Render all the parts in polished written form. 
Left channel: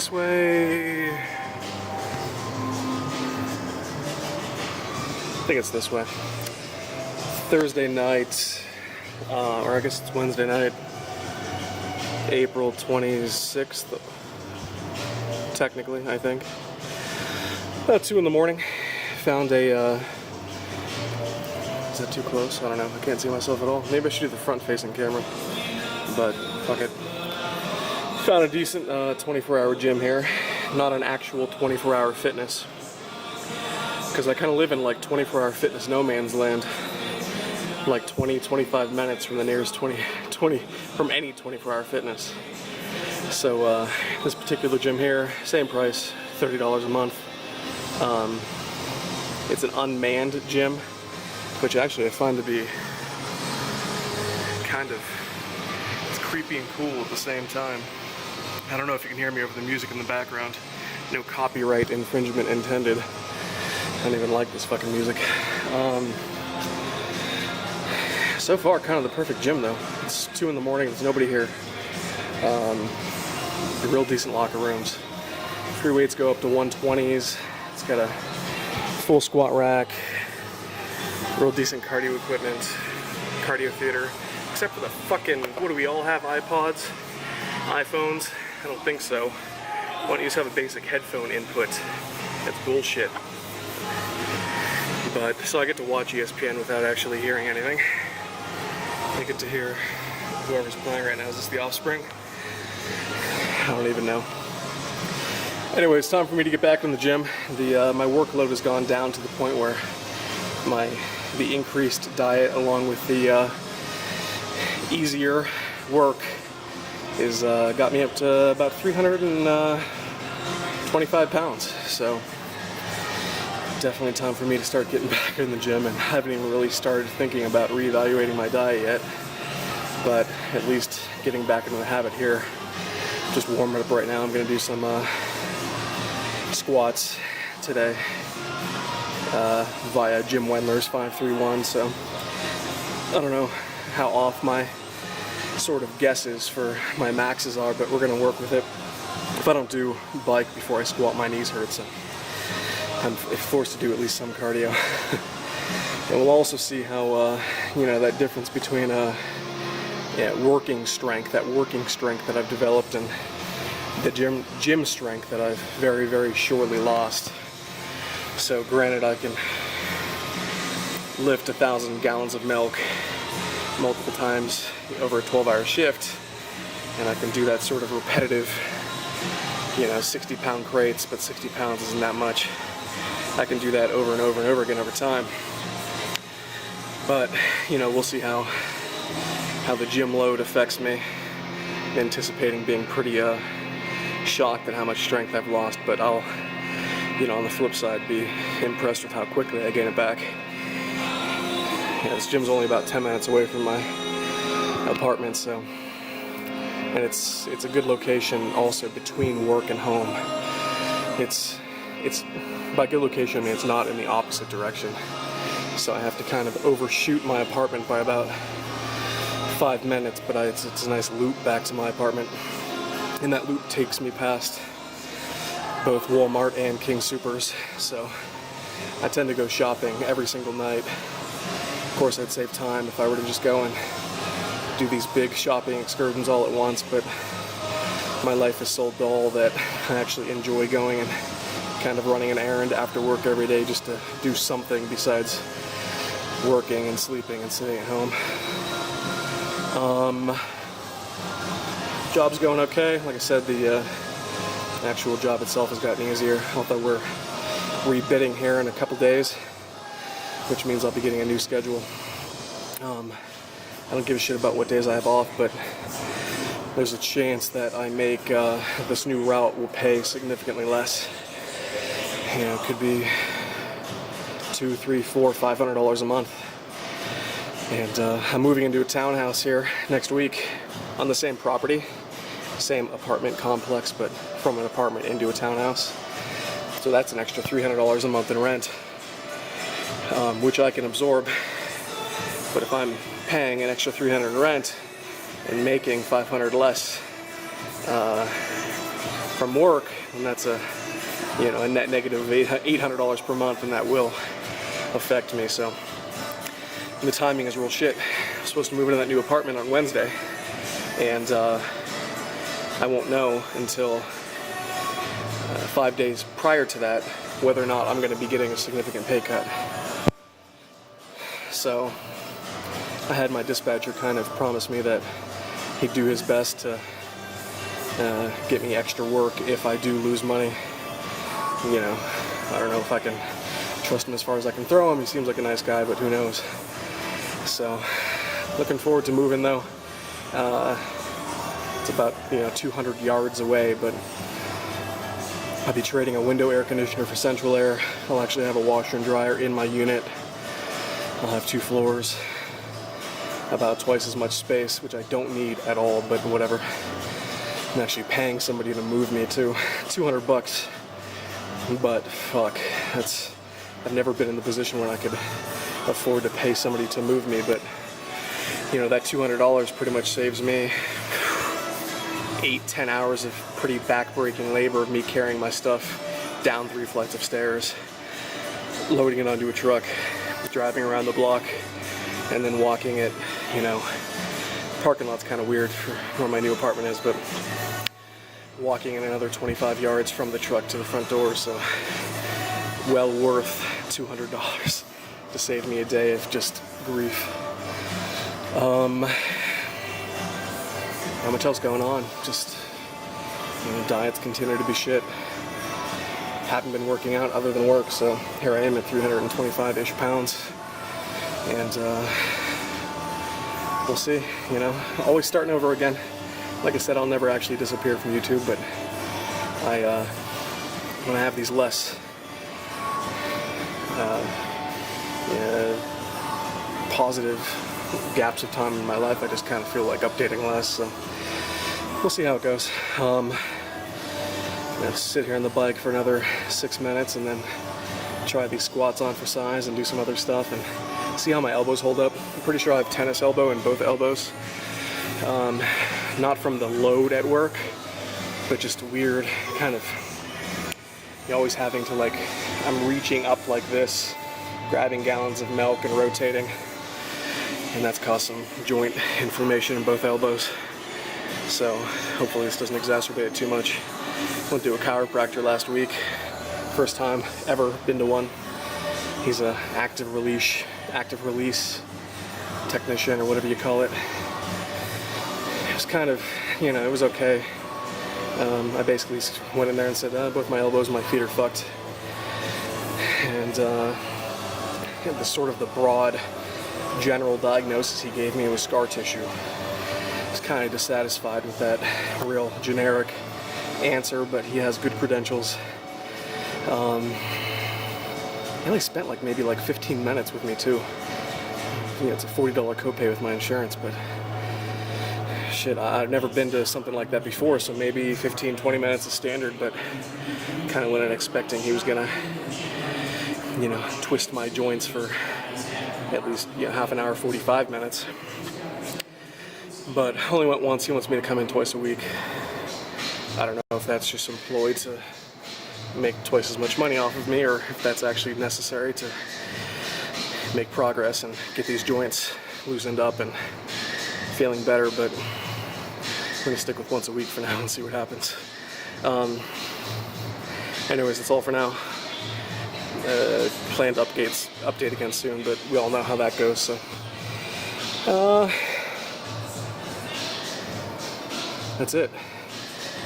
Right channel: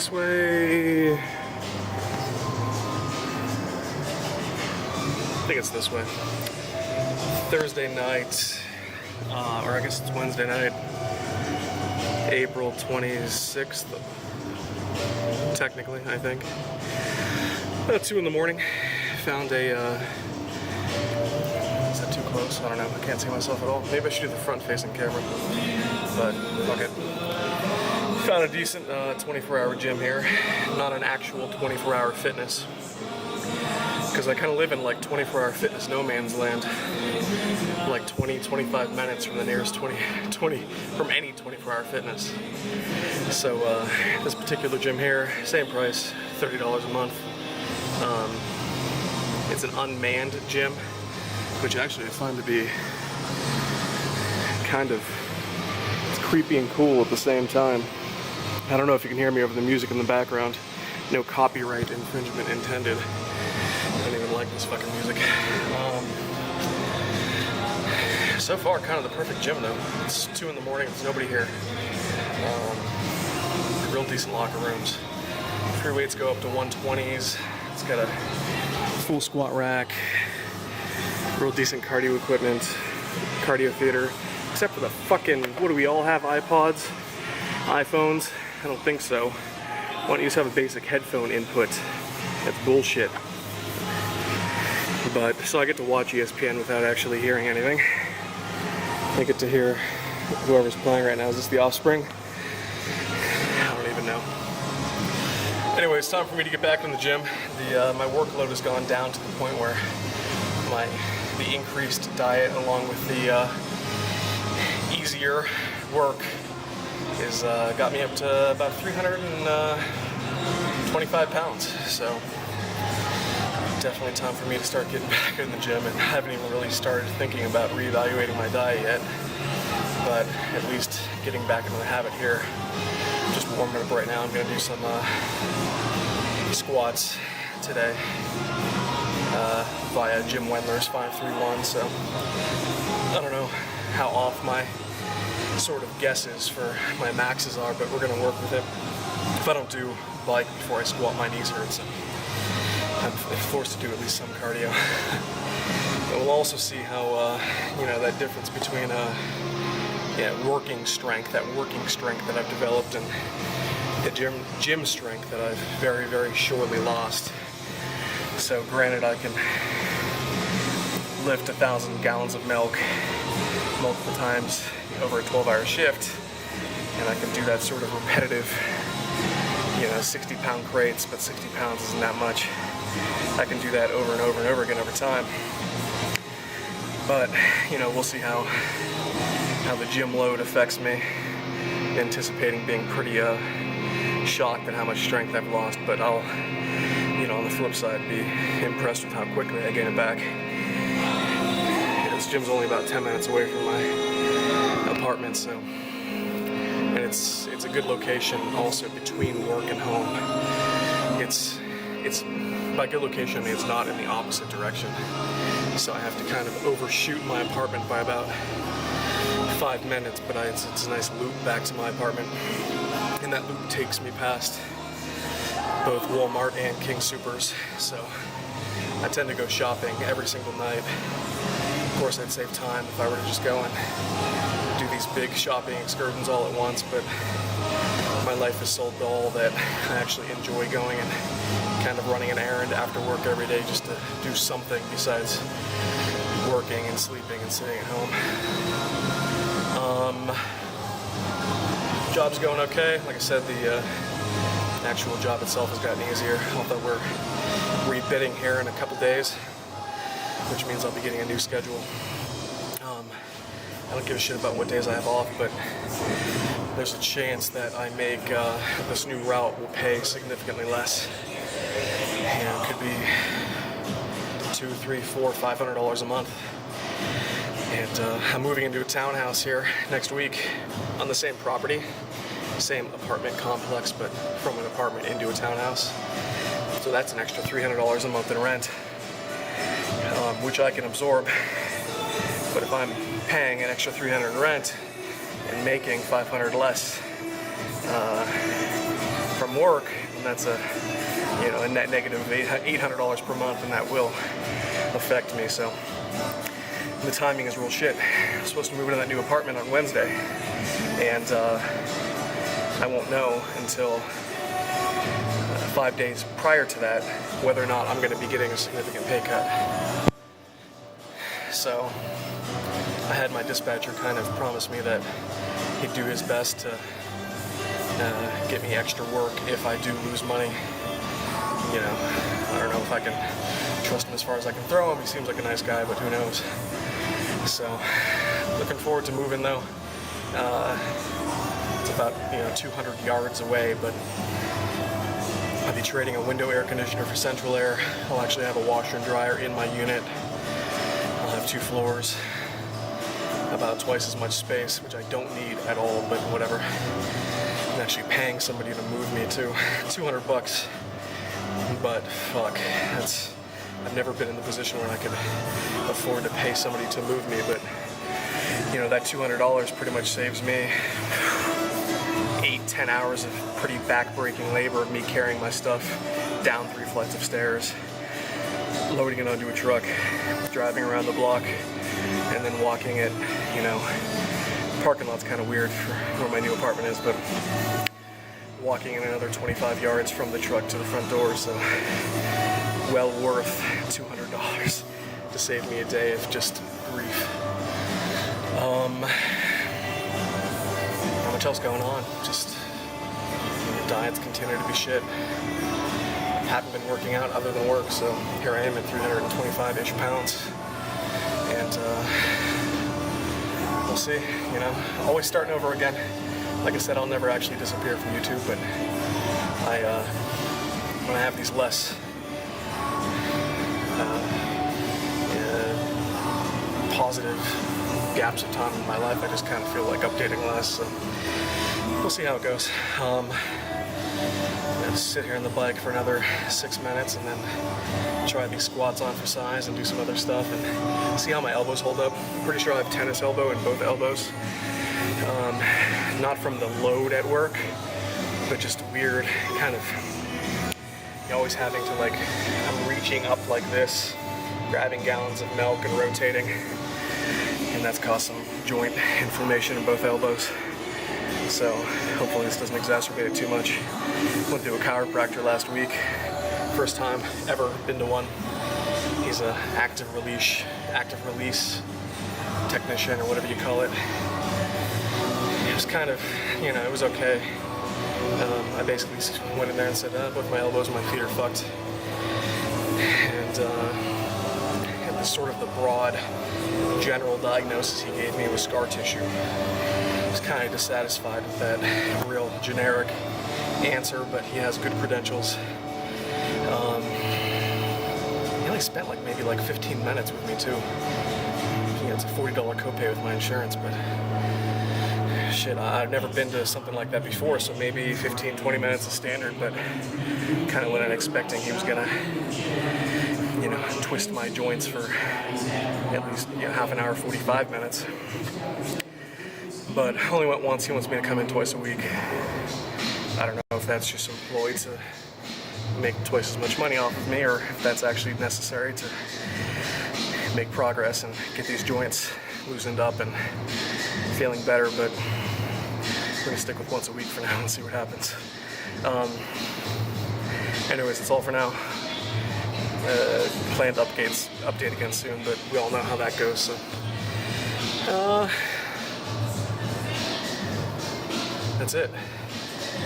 this way? I think it's this way. Thursday night, or I guess it's Wednesday night, April 26th, technically, I think. About 2 in the morning, found a, is that too close? I don't know, I can't see myself at all. Maybe I should do the front-facing camera, but fuck it. Found a decent 24-hour gym here, not an actual 24-hour fitness, because I kind of live in like 24-hour fitness no man's land, like 20-25 minutes from the nearest 20 from any 24-hour fitness. So this particular gym here, same price, $30 a month. It's an unmanned gym, which actually I find to be kind of, it's creepy and cool at the same time. I don't know if you can hear me over the music in the background. No copyright infringement intended. I don't even like this fucking music. So far, kind of the perfect gym though. It's 2 in the morning, there's nobody here. Real decent locker rooms. Free weights go up to 120s. It's got a full squat rack. Real decent cardio equipment. Cardio theater. Except for the fucking, what do we all have, iPods? iPhones? I don't think so. Why don't you just have a basic headphone input? That's bullshit. But, so I get to watch ESPN without actually hearing anything. I get to hear whoever's playing right now. Is this The Offspring? I don't even know. Anyway, it's time for me to get back in the gym. My workload has gone down to the point where the increased diet along with the easier work is got me up to about 325 pounds. So definitely time for me to start getting back in the gym, and I haven't even really started thinking about reevaluating my diet yet, but at least getting back into the habit here. Just warming up right now. I'm going to do some squats today via Jim Wendler's 531, so I don't know how off my sort of guesses for my maxes are, but we're going to work with it. If I don't do bike before I squat, my knees hurt, so I'm forced to do at least some cardio. But we'll also see how, that difference between working strength, that I've developed, and the gym strength that I've very, very surely lost. So granted, I can lift 1,000 gallons of milk multiple times over a 12-hour shift, and I can do that sort of repetitive, 60-pound crates, but 60 pounds isn't that much. I can do that over and over and over again over time. But, we'll see how the gym load affects me. Anticipating being pretty shocked at how much strength I've lost, but I'll, on the flip side, be impressed with how quickly I gain it back. This gym's only about 10 minutes away from my apartment, and it's a good location also between work and home. It's by good location, I mean it's not in the opposite direction. So I have to kind of overshoot my apartment by about 5 minutes, but it's a nice loop back to my apartment. And that loop takes me past both Walmart and King Soopers. So I tend to go shopping every single night. Of course, I'd save time if I were to just go and do these big shopping excursions all at once, but my life is so dull that I actually enjoy going and kind of running an errand after work every day just to do something besides working and sleeping and sitting at home. Job's going okay. Like I said, the actual job itself has gotten easier, although we're rebidding here in a couple days, which means I'll be getting a new schedule. I don't give a shit about what days I have off, but there's a chance that I make this new route will pay significantly less. It could be $200, $300, $400, $500 a month. And I'm moving into a townhouse here next week on the same property, same apartment complex, but from an apartment into a townhouse. So that's an extra $300 a month in rent, which I can absorb. But if I'm paying an extra $300 in rent and making $500 less, from work, and that's a net negative of $800 per month, and that will affect me. So the timing is real shit. I'm supposed to move into that new apartment on Wednesday, and I won't know until 5 days prior to that whether or not I'm going to be getting a significant pay cut. So I had my dispatcher kind of promise me that he'd do his best to get me extra work if I do lose money. I don't know if I can trust him as far as I can throw him. He seems like a nice guy, but who knows. So looking forward to moving though. It's about 200 yards away, but I'll be trading a window air conditioner for central air. I'll actually have a washer and dryer in my unit. I'll have 2 floors, about twice as much space, which I don't need at all, but whatever. I'm actually paying somebody to move me too. $200. But fuck, I've never been in the position where I could afford to pay somebody to move me, but that $200 pretty much saves me 8-10 hours of pretty back-breaking labor of me carrying my stuff down 3 flights of stairs, loading it onto a truck, driving around the block, and then walking it. Parking lot's kind of weird for where my new apartment is, but walking in another 25 yards from the truck to the front door, so well worth $200 to save me a day of just grief. Not much else going on, just diets continue to be shit. Haven't been working out other than work, so here I am at 325-ish pounds, and we'll see, always starting over again. Like I said, I'll never actually disappear from YouTube, but when I have these less positive gaps of time in my life, I just kind of feel like updating less, so we'll see how it goes. I'm going to sit here on the bike for another 6 minutes and then try these squats on for size and do some other stuff and see how my elbows hold up. I'm pretty sure I have tennis elbow in both elbows. Not from the load at work, but just weird kind of, you're always having to I'm reaching up like this, grabbing gallons of milk and rotating, and that's caused some joint inflammation in both elbows. So hopefully this doesn't exacerbate it too much. Went to a chiropractor last week. First time ever been to one. He's a active release technician or whatever you call it. It was kind of, it was okay. I basically went in there and said, both my elbows and my feet are fucked. And the sort of the broad general diagnosis he gave me was scar tissue. I was kind of dissatisfied with that real generic answer, but he has good credentials. He only spent maybe 15 minutes with me too. I think it's a $40 copay with my insurance, but shit, I've never been to something like that before, so maybe 15-20 minutes is standard, but kind of what I'm expecting. He was gonna twist my joints for at least half an hour, 45 minutes. But I only went once. He wants me to come in twice a week. I don't know if that's just some ploy to make twice as much money off of me, or if that's actually necessary to make progress and get these joints loosened up and feeling better, but I'm going to stick with once a week for now and see what happens. Anyways, that's all for now. Planned update again soon, but we all know how that goes, so that's it.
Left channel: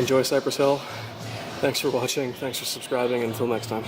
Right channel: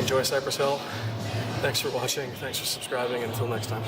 Enjoy Cypress Hill. Thanks for watching, thanks for subscribing, and until next time.